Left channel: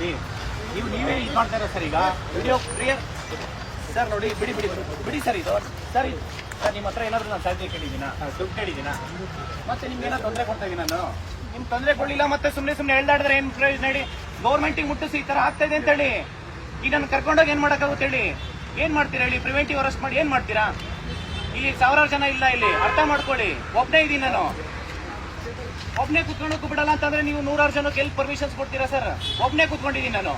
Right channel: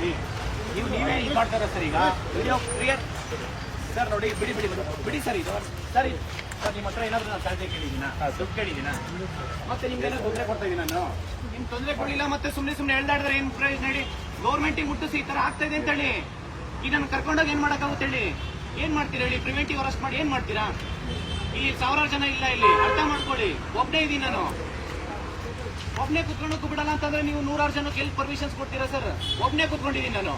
ನೋಡಿ ನೀವೇ ಇದು ಮಾಡ್ತಾರ ಸರ್. ಈಗ ಸರ್ ನೋಡಿ ಬಿಡಿ ಬಿಡಿ ಬಿಡಿ ಸರ್. ಇದು ಸರ್ ಸರ್ ನಿಮ್ಮ ಹತ್ರ ಏನಾದ್ರು ನಾನು ಸಾಧ್ಯ ಕೇಳಿದ್ದೀನ, ದುಡ್ಡು ಕೇಳಿದ್ದೀನ, ಮತ್ತೆ ನಿಮ್ಗೆ ಏನಾದ್ರು ತೊಂದರೆ ಕೊಡ್ತಾ ಇದೀನಿ ನಾನು? ನಿಮ್ ತೊಂದರೆ ಕೊಡಲಿಲ್ಲ ಮತ್ತೆ ಸುಮ್ಮನೆ ಹೇಳ್ದಾಡಿದ್ರೆ ಏನ್ ಪ್ರಯೋಜನ ಹೇಳಿ? ಗೌರ್ಮೆಂಟಿಗೆ ಮುಟ್ಟಿಸಿ ಈ ತರ ಆಗ್ತಾ ಇದೆ ಅಂತ ಹೇಳಿ ಈಗ ನಾನು ಕರ್ಕೊಂಡೋಗಿ ಏನ್ ಮಾಡಕ್ಕಾಗುತ್ತೆ ಹೇಳಿ? ಏನ್ ಮಾಡ್ತೀರಾ ಹೇಳಿ? ಪ್ರಿವೆಂಟಿವ್ ಅರೆಸ್ಟ್ ಮಾಡಿ ಏನ್ ಮಾಡ್ತೀರಾ? ಇಲ್ಲಿ ಸಾವಿರಾರು ಜನ ಇಲ್ಲ, ಇಲ್ಲಿ ಅರ್ಥ ಮಾಡ್ಕೊಳ್ಳಿ. ಒಬ್ಬನೇ ಇದೀನಿ ನಾನು, ಒಬ್ಬನೇ ಕುತ್ಕೊಳ್ಳೋಕೆ ಬಿಡಲ್ಲ ಅಂತಂದ್ರೆ ನೀವು ನೂರಾರು ಜನಕ್ಕೆ ಎಲ್ಲಿ ಪರ್ಮಿಷನ್ಸ್ ಕೊಡ್ತೀರಾ ಸರ್? ಒಬ್ಬನೇ ಕುತ್ಕೊಂಡಿದ್ದೀನಿ ನಾನು,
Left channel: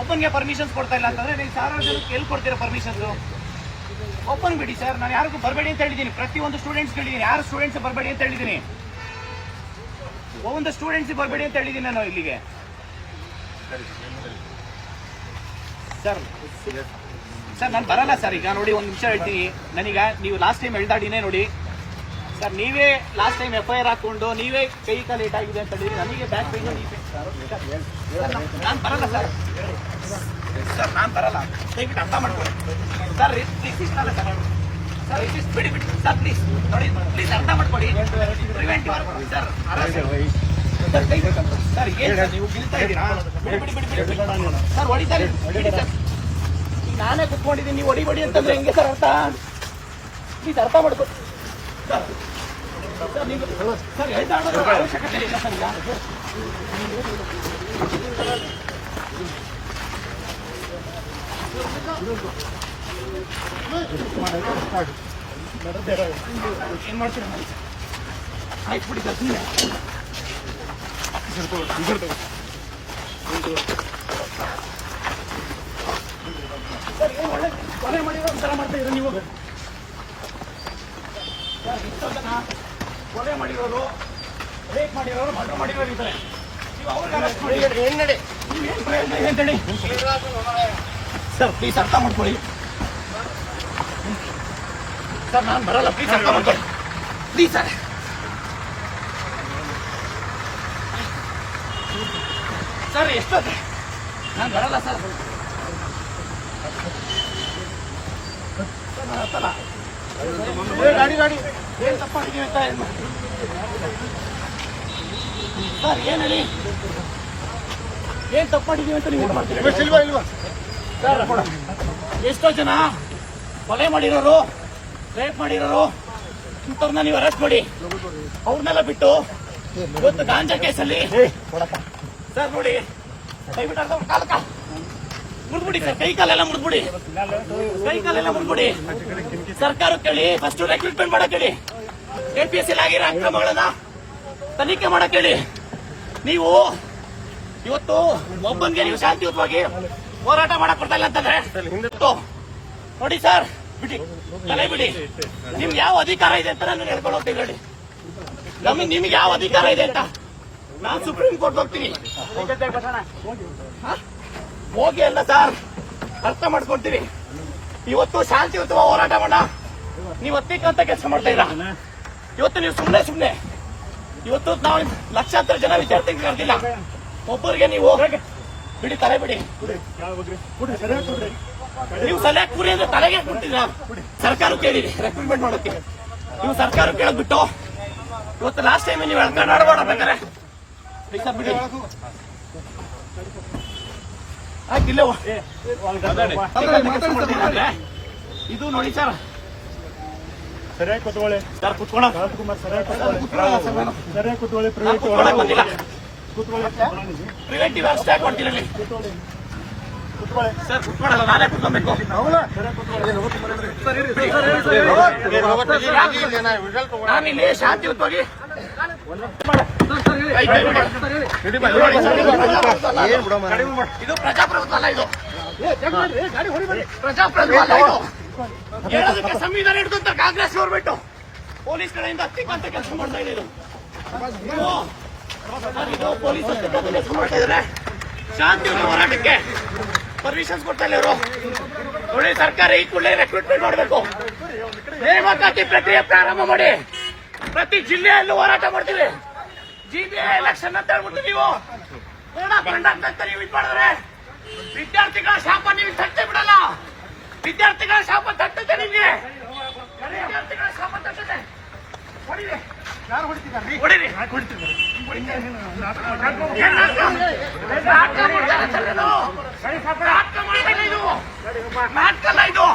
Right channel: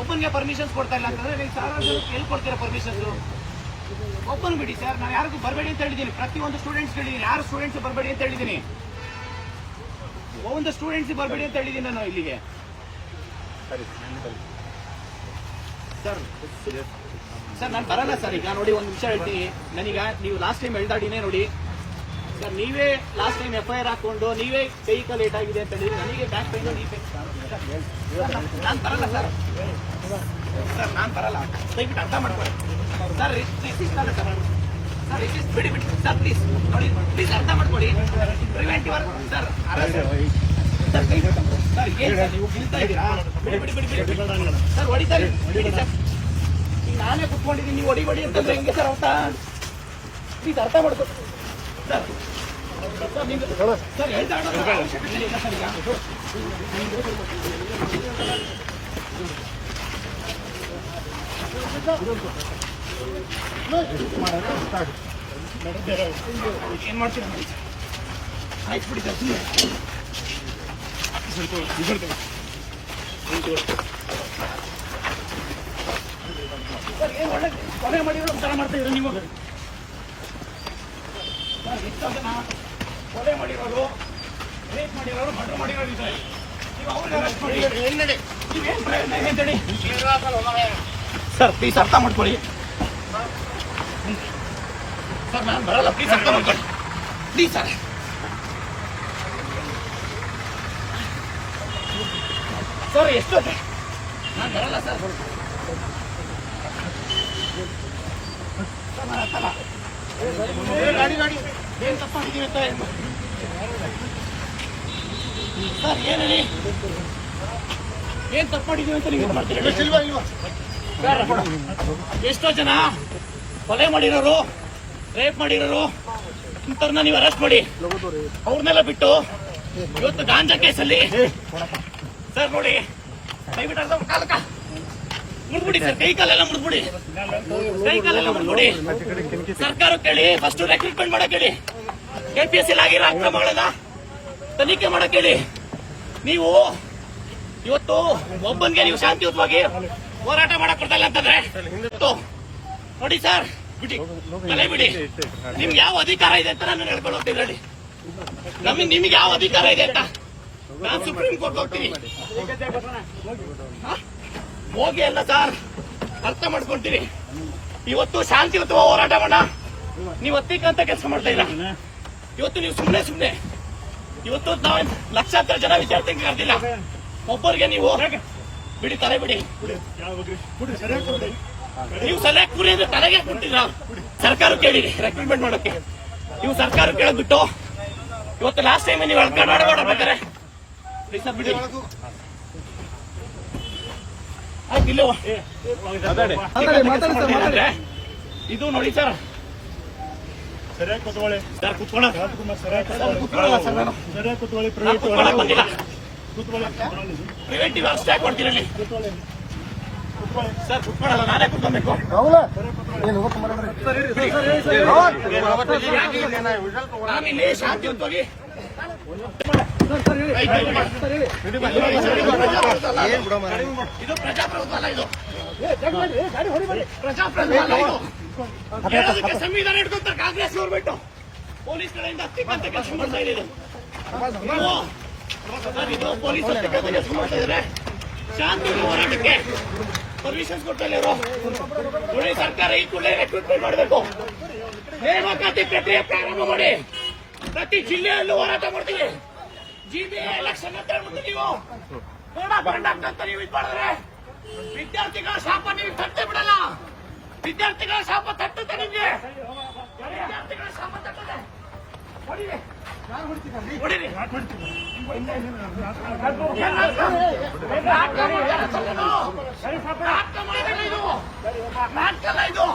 ಒಬ್ಬನಿಗೆ ಪರ್ಮಿಷನ್ಸ್ ಕೊಡ್ತಾ ಇಲ್ಲ ಅಂತಂದ್ರೆ ನೀವು ಸಾವಿರಾರು ಜನಕ್ಕೆ ಎಲ್ಲಿ ಕೊಡ್ತೀರಾ ಪರ್ಮಿಷನ್ಸ್? ಒಬ್ಬನ್ ಬಿಡಿ ಸರ್. ನಾನು ಯಾರಿಗೂ ಬರಬೇಡಿ ಅಂತ ಹೇಳಿದ್ದೀನಿ, ಪ್ರತಿಯೊಂದು ಸ್ಟೂಡೆಂಟ್ಸ್ ಹೇಳಿದ್ದೀನಿ. ಯಾರು ಸ್ಟೂಡೆಂಟ್ಸ್ ಬರಬೇಡಿ ಅಂತ ಹೇಳಿದ್ದೀನಿ, ಒಂದು ಸ್ಟೂಡೆಂಟ್ಸ್ ಬರಬೇಡಿ ಅಂತ ಹೇಳಿದ್ದೀನಿ ನಾನು ಇಲ್ಲಿಗೆ. ಸರ್ ಸರ್ ನಾನು ಬರಲ್ಲ ಸರ್. ಈಗ ನೋಡಿ ಒಂದು ನಿಮಿಷ ಹೇಳ್ತೀನಿ. ನನಗ ನೀವು ಲಾಸ್ಟ್ ಟೈಮ್ ಹೇಳ್ದಾಡಿನೇ ನೋಡಿ ಸರ್, ನೀವೇ ಲಾಸ್ಟ್ ಟೈಮ್ FIR ಹಾಕೊಂಡು ನೀವೇ ಕೈ ಕಾಲು ಲೇಟ್ ಆಗಿದೆ ಅಂತ ಹೇಳಿದ್ರೆ ನನಗೆ ಬ್ಯಾಕ್ ಪೇಜ್ ನಾನು ಬರಲ್ಲ ಸರ್. ಸರ್ ನಾನು ಬರಲ್ಲ, ದಯವಿಟ್ಟು ಅರ್ಥ ಮಾಡ್ಕೊಳ್ಳಿ ಸರ್. ರಿಸಿಸ್ಟ್ ಅಲ್ಲ ಸರ್, ಸರ್ ರಿಸಿಸ್ಟ್ ಬಿಡಿ ಬಿಡಿ ಸರ್, ಪ್ಲೀಸ್ ನೋಡಿ, ಪ್ಲೀಸ್ ಅರ್ಥ ಮಾಡ್ಕೊಳ್ಳಿ. ಪ್ರಿವೆಂಟಿವ್ ಸರ್ ಸರ್ ಏನ್ ಸರ್ ನೀವು ಗಿಲ್ತಾ ಇದ್ದೀರಾ? ಬಿಡಿ ಬಿಡಿ ಬಿಡಿ ಬಿಡಿ ಸರ್, ಹೊಡಿ ಸರ್, ಬಿಡಿ ಸರ್. ಈಗ ನಾನೇ ಕುತ್ಕೊಂಡಿದ್ದೀನಿ, ನೀವು ಹೊಡಿ ಅಂತಂದ್ರೆ ಹೆಂಗೆ ಸರ್ ಅರ್ಥ? ಪ್ಲೀಸ್ ಅರ್ಥ ಮಾಡ್ಕೊಳ್ಳಿ ಸರ್. ಸರ್ ನೀವು ಸರ್ ಹೇಳ್ದಾಡೋದು ಅವಶ್ಯಕತೆ ಇಲ್ಲ ಸರ್. ಈಗ ಏನ್ ಮಾಡ್ತೀರಾ ಮಾಡಿ ಸರ್? ಆಯ್ತು ಬಿಡಿ ಸರ್, ಸುಮ್ಮನೆ ಸರ್ ಏನ್ ಒಳ್ಳೆ ಕೊಲೆ ಮಾಡಿರೋ ಒಂಥರ ಮಾಡ್ತಾ ಇರೋ ನೀವು ಸರ್. ಎಷ್ಟೋ ಜನ ಕೊಲೆ ಮಾಡಿರೋರು, ರೇಪ್ ಮಾಡಿರೋರು, ಮರ್ಡರ್ ಮಾಡಿರೋರು ಇದ್ದಾರೆ. ನೀವು ಅವ್ರಿಗೆ ಅರೆಸ್ಟ್ ಮಾಡಿ ನೀವೇನ್ ಪ್ರಯೋಜನ ಇದೆ ಅಂತೇಳಿ ಸರ್. ಪ್ಲೀಸ್ ಅರ್ಥ ಮಾಡ್ಕೊಳ್ಳಿ ಸರ್. ನಾನು ಬರಲ್ಲ, ಪ್ಲೀಸ್ ಅರ್ಥ ಮಾಡ್ಕೊಳ್ಳಿ ಪ್ಲೀಸ್ ಸರ್. ಸರ್ ಎಷ್ಟೊತ್ತೆ ನಾನು ಬರಲ್ಲ ಸರ್. ನಾನು ಅರ್ಥಲ್ಲ ಏನ್ ತಪ್ಪಾಗಿದ್ದೀವಿ ಅಂತ ಸರ್. ಏನ್ ಹೇಳಿ, ಏನ್ ತಪ್ಪು ಮಾಡಿದೀವಿ ಅಂತ ನೀವು ಮಾಡ್ತೀರಿ ಸರ್? ಎಷ್ಟೋ ಜನ ಕೊಲೆ ಮಾಡಿರೋರು, ರೇಪ್ ಮಾಡಿರೋರು ಇಂಥವ್ರನ್ನ ನೀವು ಅರೆಸ್ಟ್ ಮಾಡಿ ಅವ್ರನ್ನೆಲ್ಲ ಬಿಟ್ಟು ಇವತ್ತು ಗಾಂಜಾ ಕೇಸಲ್ಲಿ ಸರ್ ನೋಡಿ, ದಯವಿಟ್ಟು ಅರ್ಧ ಕಾಲಕ್ಕ ಮುಡ್ಬಿಡಿ ಸರ್, ಕೈ ಕಾಲೆಲ್ಲ ಮುಡ್ಬಿಡಿ, ಕೈ ಕಾಲೆಲ್ಲ ಮುಡ್ಬಿಡಿ. ಸರ್ಕಾರ ಕೇಳಿ, ಫಸ್ಟ್ ರೆಕ್ರೂಟ್ಮೆಂಟ್ ಮಾಡಕ್ ಹೇಳಿ, KPSC ಆಗಿರೋ ಅಕ್ರಮಗಳನ್ನ ತನಿಖೆ ಮಾಡಕ್ ಹೇಳಿ. ನೀವು ಇವತ್ತು ಒಬ್ಬನಿಗೆ ನೀವು ಶಾಂತಿಯುತವಾಗಿ ಹೋರಾಟ ಮಾಡಕ್ ಕೊಡ್ತಾ ಇಲ್ಲ ಅಂತಂದ್ರೆ ನೋಡಿ ಸರ್, ಬಿಡಿ ತಲೆ ಬಿಡಿ. ನಿಮ್ಗೆ ಯಾವ ಅಧಿಕಾರ ಇದೆ ಅಂತ ನಾನು ಹೇಳ್ಕೊಂಡು ಹೋಗ್ತೀನಿ ನೋಡಿ. ನಿಮ್ಗೆ ಯಾವ ಅಧಿಕಾರ ಇದೆ ಅಂತ ನಾನು ಸುಪ್ರೀಂ ಕೋರ್ಟ್ ಹೋಗ್ತೀನಿ. ಹೋಗಿ ಅಲ್ಲ ಸರ್, ಅರ್ಥ ಮಾಡ್ಕೊಂತೀನಿ. ಇವತ್ತು ಶಾಂತಿಯುತ ಹೋರಾಟ ಮಾಡ, ನೀವು ಒತ್ತಿಕ್ಕಂತ ಕೆಲಸ ಮಾಡ್ತಾ ಇಲ್ಲ. ಇವತ್ತು ನೀವು ಸುಮ್ಮನೆ ಇವತ್ತು ನಾವು ಲಕ್ಷಾಂತರ ಜನ ವಿದ್ಯಾರ್ಥಿಗಳು ಕರೆದಿಲ್ಲ, ಒಬ್ಬರಿಗೆ ನೀವು ಬಿಡಿ ತಲೆ ಬಿಡಿ. ನೀವು ಸರಿಯಾಗಿ ಕೂರಿ ಅಂದ್ರೆ ತಲೆಗೆ ಕೊಟ್ಟಿಲ್ಲ. ಸರ್ಕಾರ ಕೇಳಿರಿ ರೆಕ್ರೂಟ್ಮೆಂಟ್ ಮಾಡೋಕೆ, ನೀವು ಸರ್ಕಾರ ಕೇಳದ್ಬಿಟ್ಟು ಇವತ್ತು ಲಾಸ್ಟ್ ಟೈಮ್ ನೀವು ಆಡಬೇಕಾರೆ ಬಿಡಿ. ಆಯ್ತು ಇಲ್ಲ ಅಂದ್ರೆ ಇದು ನೋಡಿ ಸರ್. ಸರಿಯಾಗಿ ಕೂತ್ಕೊಳ್ಳಿ ಸರ್, ಕುತ್ಕೊಳ್ಳ ರಾಜ್ಕುಮಾರ್, ಸರಿಯಾಗಿ ಕೂತ್ಕೊಳ್ಳಿ. ಪ್ರಿವೆಂಟಿವ್ ಅರೆಸ್ಟ್ ಯಾಕೆ ಕೊಡ್ತೀರಲ್ಲಿ ಸರ್? ಕುತ್ಕೊಳ್ಳಲ್ಲ, ನಾನೇ ಕುತ್ಕೊಬೇಕು. ನಾನಿಲ್ಲಿ ಶಾಂತಿಯುತವಾಗಿ ಇದು ಪ್ರಜಾಪ್ರಭುತ್ವ ಅಲ್ಲ, ಇದು ಪ್ರಜಾಪ್ರಭುತ್ವ ಅಲ್ಲ. ಇದು ಹೇಳೋದಕ್ಕೆ ಸಂವಿಧಾನ ಹಿಡ್ಕೊಂತಾರೆ ಕಾಂಗ್ರೆಸ್ ಗೌರ್ಮೆಂಟ್. ಪೊಲೀಸ್ ಕಡೆಯಿಂದ ಹತ್ತಿಕ್ಕಂತ ಕೆಲಸ ಮಾಡ್ತಾ ಇದೆ. ಇದು ಪೊಲೀಸ್ ಹತ್ತಿಕ್ಕಂತ ಕೆಲಸ ಮಾಡ್ತಾ ಇದ್ದಾರೆ. ಶಾಂತಿಯುತ ಹೋರಾಟಕ್ಕೆ ಪರ್ಮಿಷನ್ಸ್ ಕೊಡ್ತಾ ಇಲ್ಲ ಇವರು. ನೋಡಿ, ಸರ್ಕಾರ ಈ ಕೂಡಲೇ ರೆಕ್ರೂಟ್ಮೆಂಟ್ ಮಾಡಬೇಕು, ನೇಮಕಾತಿ ಪ್ರಕ್ರಿಯೆ ಪ್ರಾರಂಭ ಮಾಡಿ. ಪ್ರತಿ ಜಿಲ್ಲೆಯಲ್ಲೂ ಹೋರಾಟ ಮಾಡ್ತೀವಿ. GBA ಎಲೆಕ್ಷನ್ ಅಂತ ಹೇಳ್ಬಿಟ್ಟು ನೀವು ಅಂತ ನೀವು ಇದು ಮಾಡಿದ್ರೆ ವಿದ್ಯಾರ್ಥಿಗಳ ಶಾಪ ನೀವು ತಟ್ಟೆ ಬಿಡಲ್ಲ. ವಿದ್ಯಾರ್ಥಿಗಳ ಶಾಪ ತಟ್ಟುತ್ತೆ ನಿಮ್ಗೆ, ವಿದ್ಯಾರ್ಥಿಗಳ ಶಾಪ ತಟ್ಟುತ್ತೆ. ಯಾರು ಹೊಡಿತಿದ್ದಾರೆ ಹೊಡೀರಿ. ಯಾಕೆ ಹೊಡಿತಿದ್ದಾರೆ ಏನ್ ನಾಟಕ? ನಾಟಕ ಮಾಡ್ತಾರಾ ಸರ್ ನೀವು? ನಾಟಕ ಮಾಡಿದಾಗ ಇದು ನಾಟಕ ಅಲ್ಲ ಇದು.